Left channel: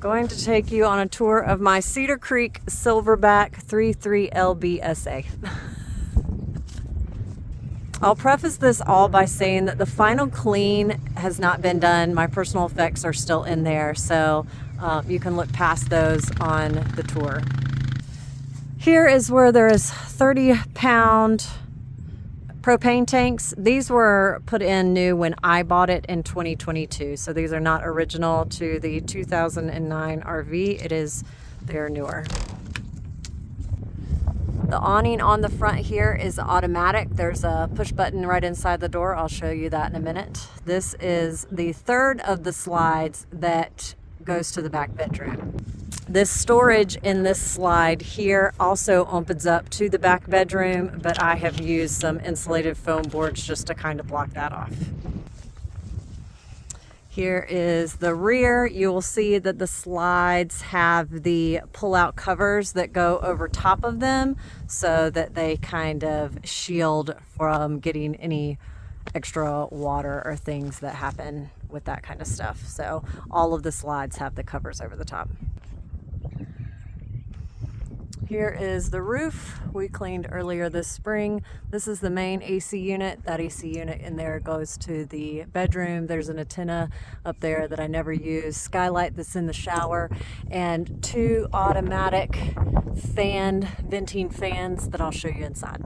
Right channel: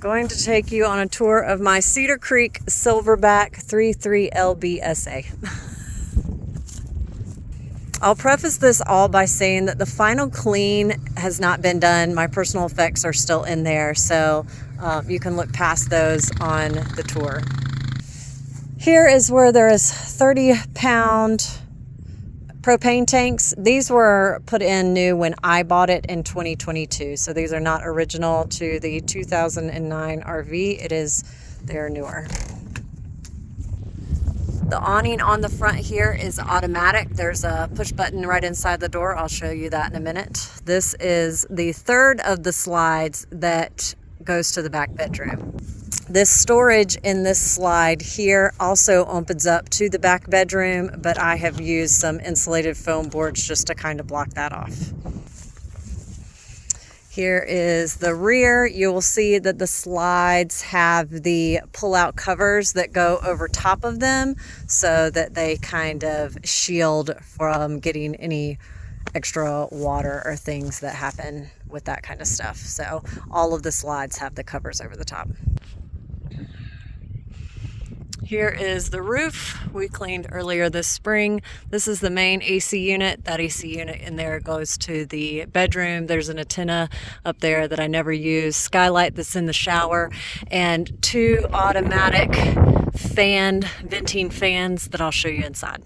Going to take you on a tour of my Cedar Creek Silverback 33LBSA. I'll preface this all by saying that the final clean has not been done. My personal effects are still in there, so you can look past those on the tour. Here is where there is 30-pound propane tanks. These were put in new when I bought it in 2022, so these are not original to the 2009 RV. They're newer. The awning on the front here is automatic. There's a push button right inside the door. I'll show you that in a minute. This is the third of the slides that goes to the back bedroom. This storage in this slide here also opens up to the back bedroom, but I have used some insulated foam boards just to kind of block that off. Here is the rear. You will see that the slides have the pull-out covers that go over top of them so that they kind of shield from getting any extra water or things that happen with that kind of stuff. So all of the slides have the covers over the top. Here is the roof we cleaned earlier this spring. This is the main AC unit. That AC unit in there goes to the bedroom. There's an antenna up there that I never use, skylight that's in the shower, and two automatic venting fans that I'll show you inside.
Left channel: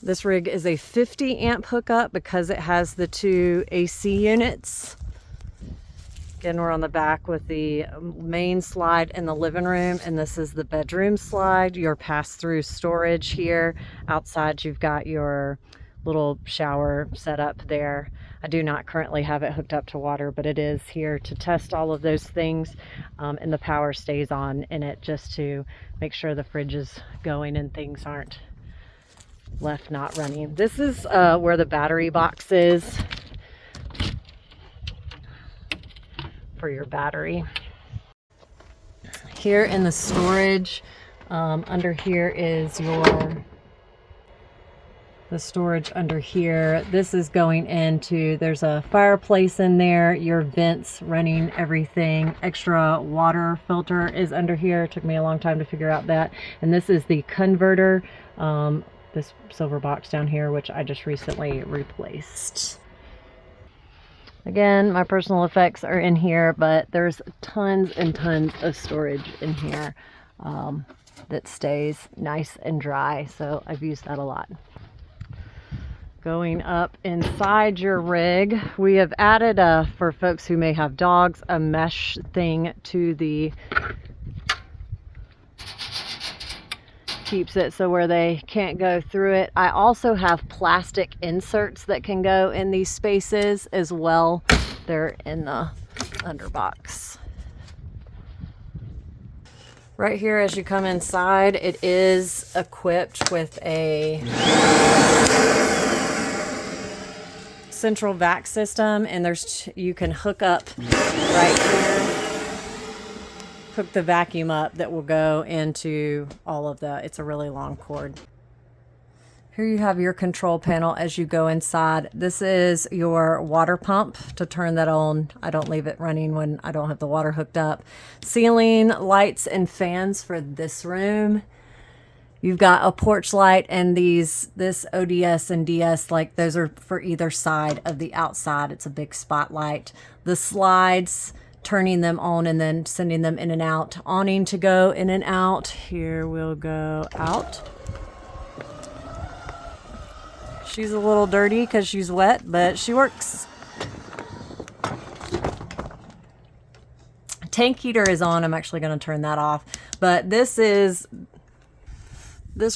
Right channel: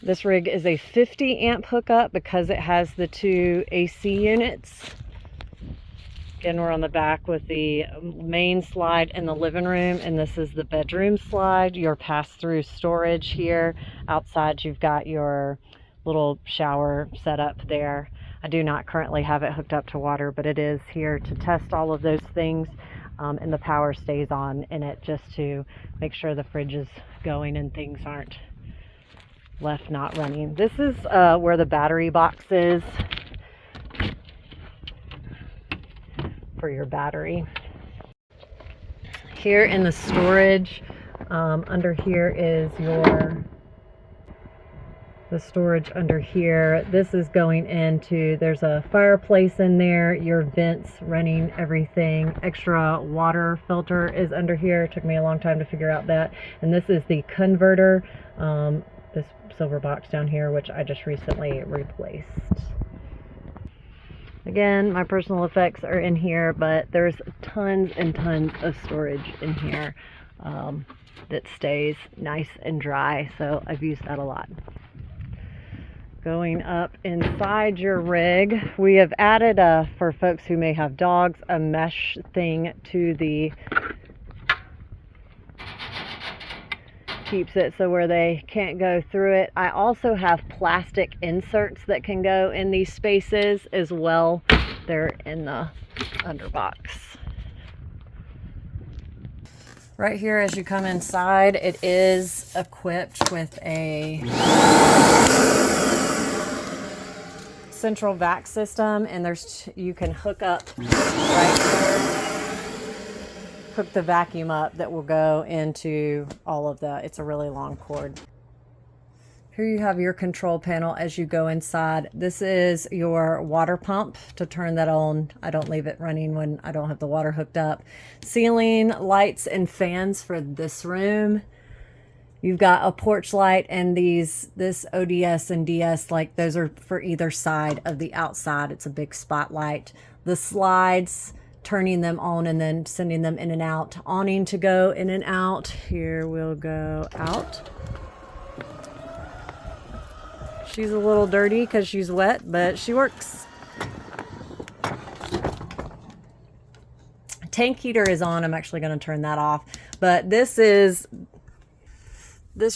This rig is a 50 amp hookup because it has the two AC units. Again, we're on the back with the main slide in the living room, and this is the bedroom slide, your pass-through storage here. Outside, you've got your little shower set up there. I do not currently have it hooked up to water, but it is here to test all of those things, and the power stays on in it just to make sure the fridge is going and things aren't left not running. This is where the battery box is for your battery. Here in the storage, under here is the storage under here. This is going into, there's a fireplace in there, your vents running everything. Extra water filter is under here. It took me a long time to figure out that. And this is the converter, this silver box down here, which I just recently replaced. Again, my personal effects are in here, but there's tons and tons of storage in here that stays nice and dry, so I've used that a lot. Going up inside your rig, we have added, for folks who may have dogs, a mesh thing to the keeps it so where they can't go through it. I also have plastic inserts that can go in these spaces as well. They're in the underbox. Right here as you come inside, it is equipped with a central vac system, and you can hook up hook the vacuum up that will go into all of that. It's a really long cord. Here you have your control panel as you go inside. This is your water pump to turn that on. I don't leave it running when I don't have the water hooked up. Ceiling lights and fans for this room. You've got a porch light, and this ODS and DS, like those are for either side of the outside. It's a big spotlight. The slides, turning them on and then sending them in and out. Awning to go in and out. Here we'll go out. She's a little dirty because she's wet, but she works. Tank heater is on. I'm actually going to turn that off. But this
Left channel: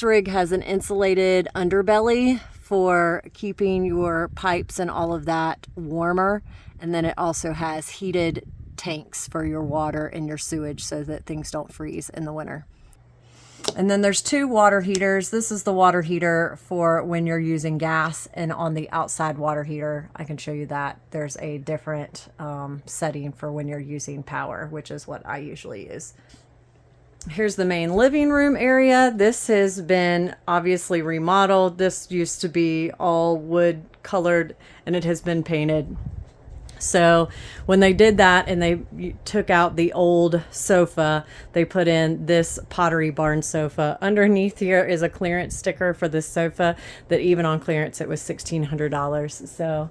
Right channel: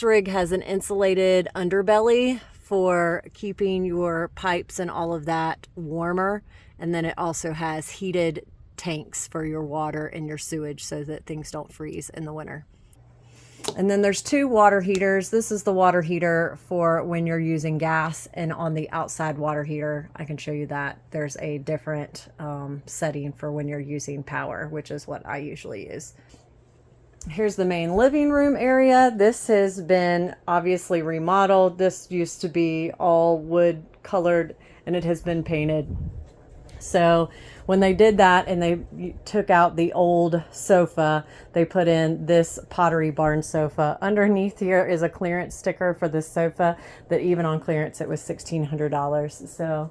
rig has an insulated underbelly for keeping your pipes and all of that warmer. And then it also has heated tanks for your water and your sewage so that things don't freeze in the winter. And then there's two water heaters. This is the water heater for when you're using gas, and on the outside water heater, I can show you that there's a different setting for when you're using power, which is what I usually use. Here's the main living room area. This has been obviously remodeled. This used to be all wood colored, and it has been painted. So when they did that and they took out the old sofa, they put in this Pottery Barn sofa. Underneath here is a clearance sticker for this sofa that even on clearance it was $1,600. So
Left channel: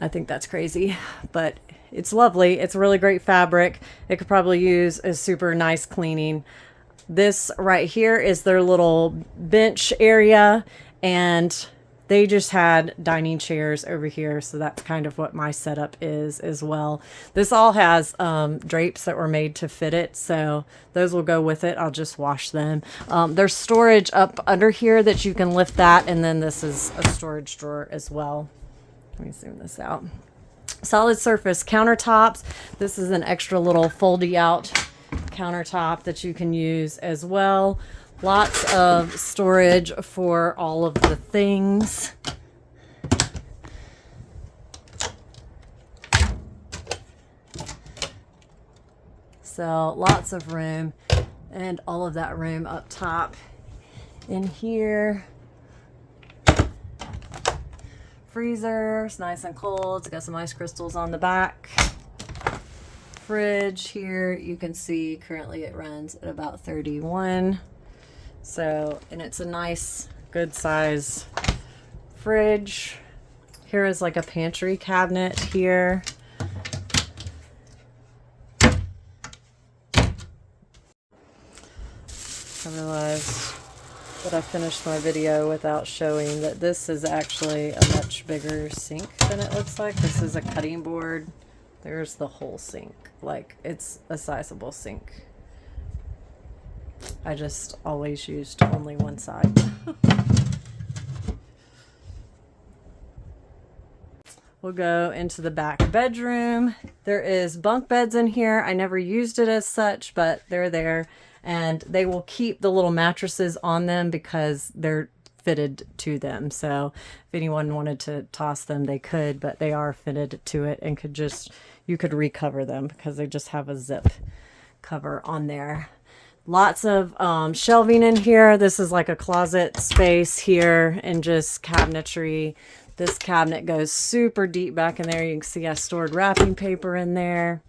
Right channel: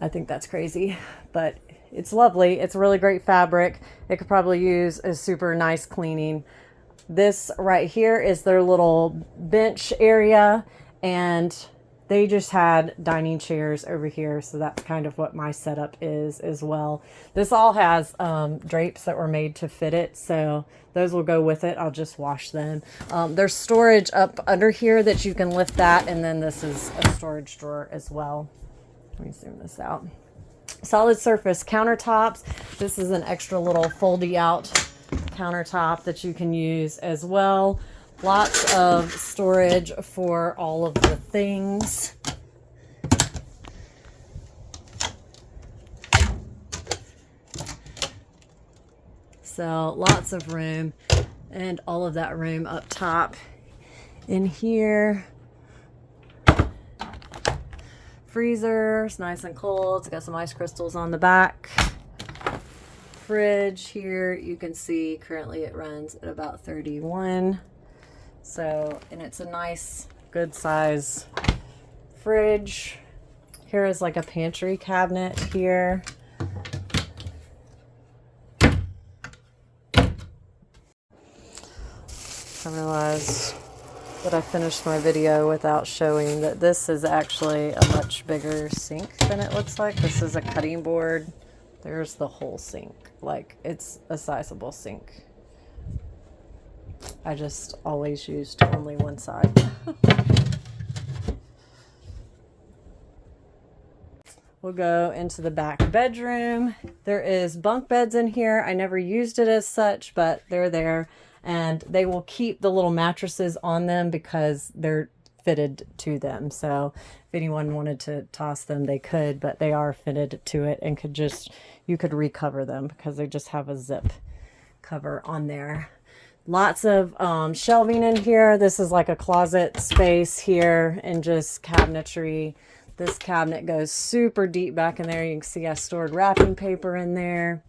I think that's crazy, but it's lovely. It's a really great fabric. It could probably use a super nice cleaning. This right here is their little bench area, and they just had dining chairs over here, so that's kind of what my setup is as well. This all has drapes that were made to fit it, so those will go with it. I'll just wash them. There's storage up under here that you can lift that, and then this is a storage drawer as well. Let me zoom this out. Solid surface countertops. This is an extra little foldy out countertop that you can use as well. Lots of storage for all of the things. So lots of room, and all of that room up top. In here, freezer, it's nice and cold. It's got some ice crystals on the back. Fridge here, you can see currently it runs at about 31. So, and it's a nice, good size fridge. Here is like a pantry cabinet here. I realized that I finished my video without showing that this is actually a much bigger sink than it looks like. This is a cutting board. There's the whole sink. Like, it's a sizable sink. I just always used only one side. We'll go into the back bedroom. There is bunk beds in here. I never used it as such, but they're there. And they will keep the little mattresses on them because they're fitted to them. So if anyone wanted to toss them, they could, but they are fitted to it and could just, you could recover them because they just have a zip cover on there. Lots of shelving in here. This is like a closet space here and just cabinetry. This cabinet goes super deep back in there. You can see I stored wrapping paper in there.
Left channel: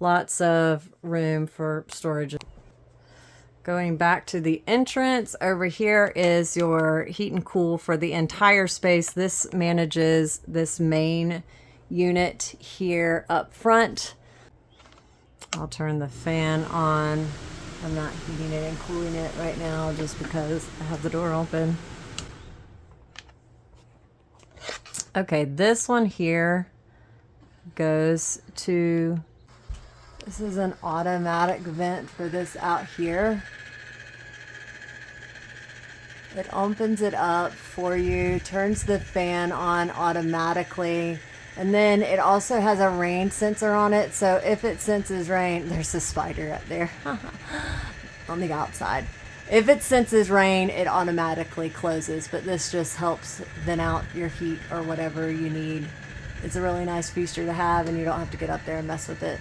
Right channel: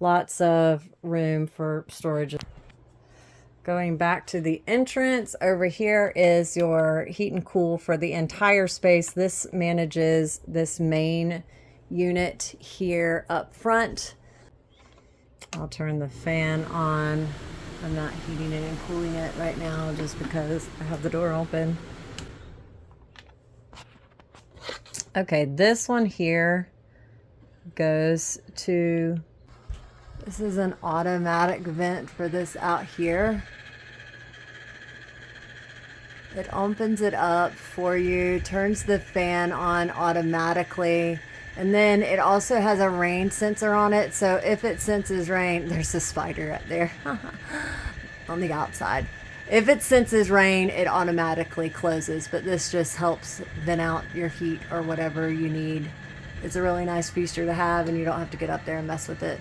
Lots of room for storage. Going back to the entrance, over here is your heat and cool for the entire space. This manages this main unit here up front. I'll turn the fan on. I'm not heating it and cooling it right now just because I have the door open. Okay, this one here goes to, this is an automatic vent for this out here. It opens it up for you, turns the fan on automatically, and then it also has a rain sensor on it. So if it senses rain, there's a spider up there on the outside. If it senses rain, it automatically closes, but this just helps vent out your heat or whatever you need. It's a really nice feature to have, and you don't have to get up there and mess with it.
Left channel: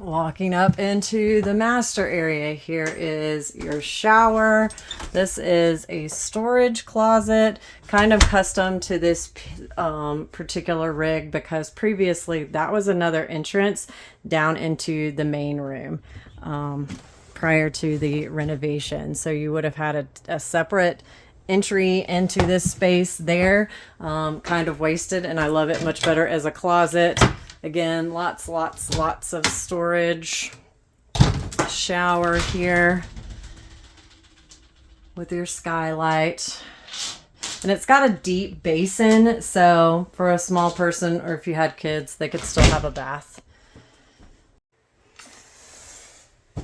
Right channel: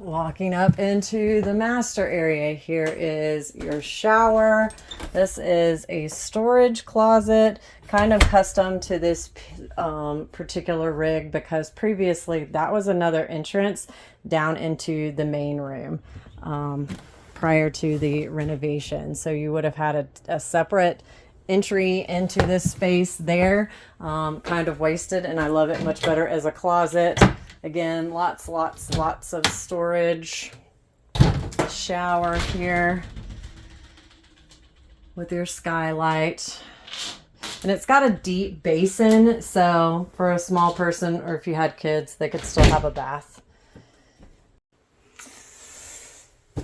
Walking up into the master area, here is your shower. This is a storage closet, kind of custom to this particular rig because previously that was another entrance down into the main room prior to the renovation. So you would have had a separate entry into this space there, kind of wasted, and I love it much better as a closet. Again, lots of storage. Shower here with your skylight. And it's got a deep basin, so for a small person or if you had kids, they could still have a bath.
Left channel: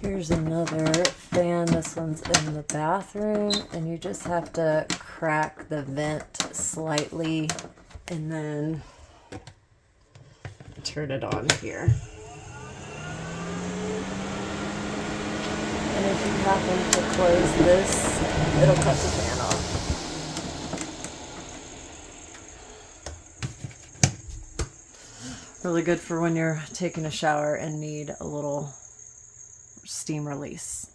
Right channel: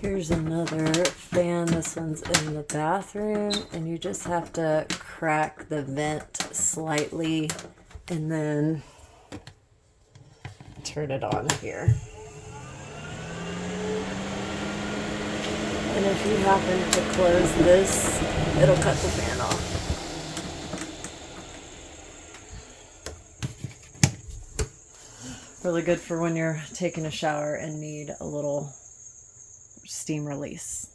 Here's another fan. This one's in the bathroom, and you just have to crack the vent slightly and then turn it on here. And if you happen to close this, it'll cut the fan off. Really good for when you're taking a shower and need a little steam release.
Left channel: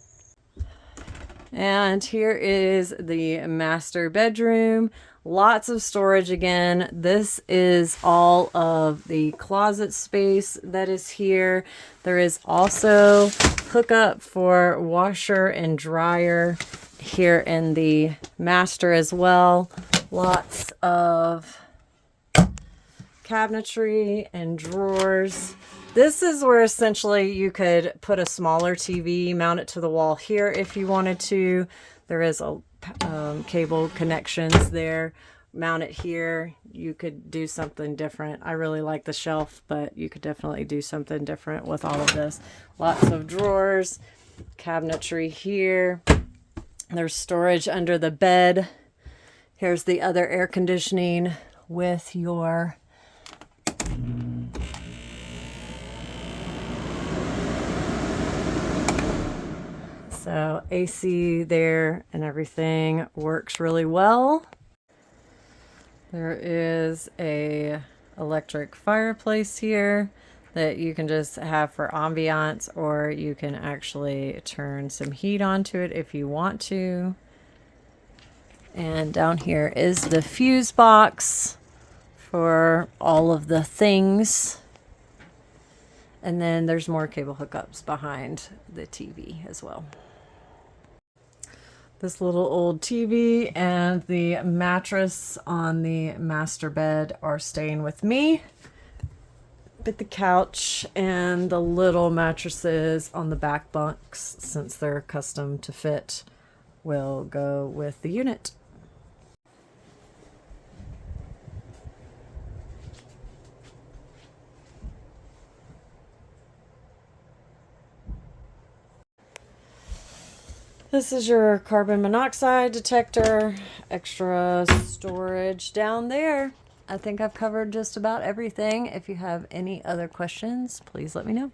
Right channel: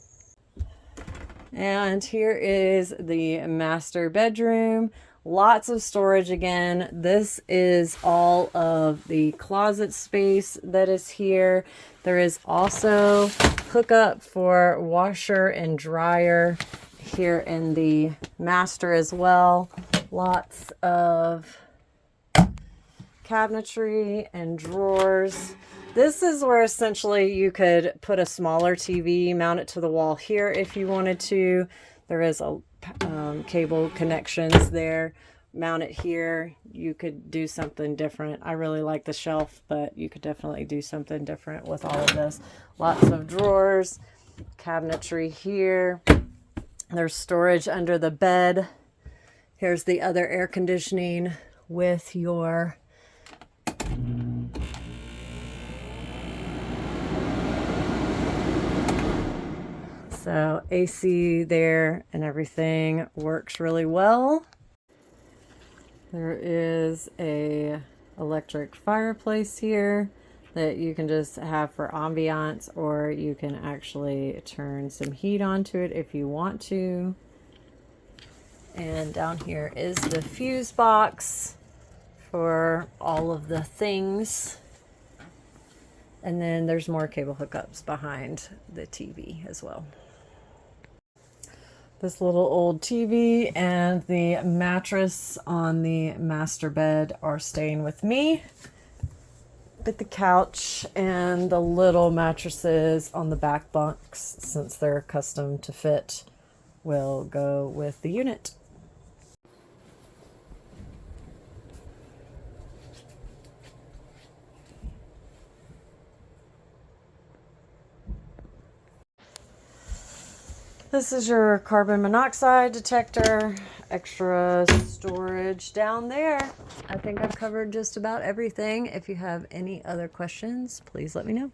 And here is the master bedroom. Lots of storage again. This is all of the closet space that is here. There is also hookup for washer and dryer here in the master as well. Lots of cabinetry and drawers. This is where essentially you could put a smaller TV, mount it to the wall here if you wanted to. There is a cable connections there. Mount it here. You could do something different. I really like the shelf, but you could definitely do something different with all of this. Lots of drawers, cabinetry here. There's storage under the bed. Here's the other air conditioning with your so AC there and everything works really well. There is a electric fireplace here that you can just have for ambiance, or you can actually turn some heat onto it if you want to. And down here is the fuse box for all of the things. And then there's more cable hookups behind the TV as well. This little old TV and the mattress on the master bed are staying with me. But the couch and the little mattresses on the back bunks, since they're custom to fit, will go with the unit. This is your carbon monoxide detector, extra storage down there. I think I've covered just about everything. If you have any other questions, please let me know.